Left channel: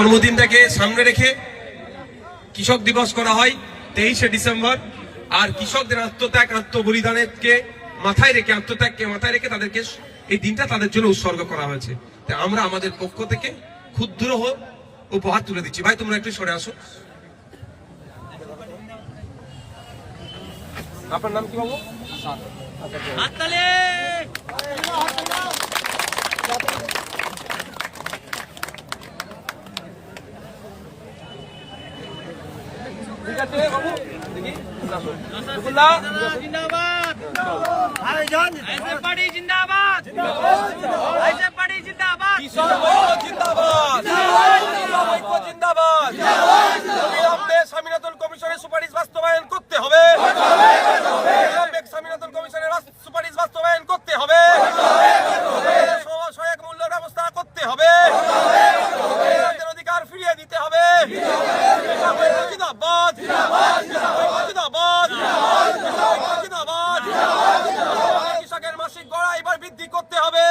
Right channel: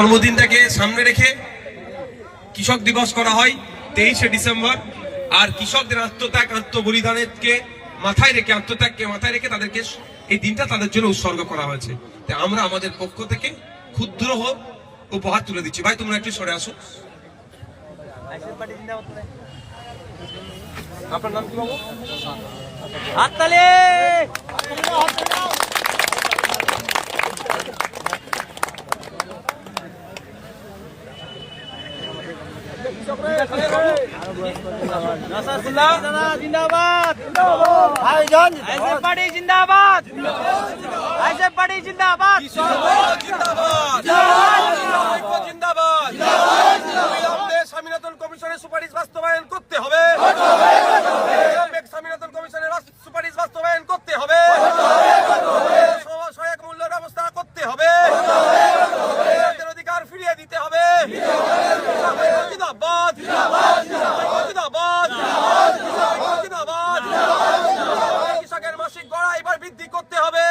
জন্মদিনটাকে সামনে রেখে কৃষক দিবস করা হয় 23শে ডিসেম্বর। আর কৃষকদের আত্মত্যাগ আত্মবলিদানকে মাথায় রেখে তাদেরকে এই দিনটা তাদের জন্য উৎসর্গ করা হয়েছে। তাই আমরা আমাদের পক্ষ থেকে ক্ষুদ্র হোক উপহার তুলে দিচ্ছি। ভাই তোমরা একটু সরে আসো। আপনার নাম কি বাবু? হাততালি। জিন্দাবাদ ভাইজান, আইএসএফ পার্টি জিন্দাবাদ, আইএসএফ পার্টি জিন্দাবাদ, জিন্দাবাদ জিন্দাবাদ। অবিলম্বে স্বামীনাথন কমিশনের সুপারিশ বাস্তবায়ন করতে হবে। স্বামীনাথন কমিশনের সুপারিশ বাস্তবায়ন করতে হবে। সহায়ক মূল্য ব্যবস্থা করতে হবে। অধিকার ফিরিয়ে দিতে হবে। জিন্দাবাদ জিন্দাবাদ জিন্দাবাদ। কৃষকের মাসিক গড়া এবার বৃদ্ধি করতে হবে।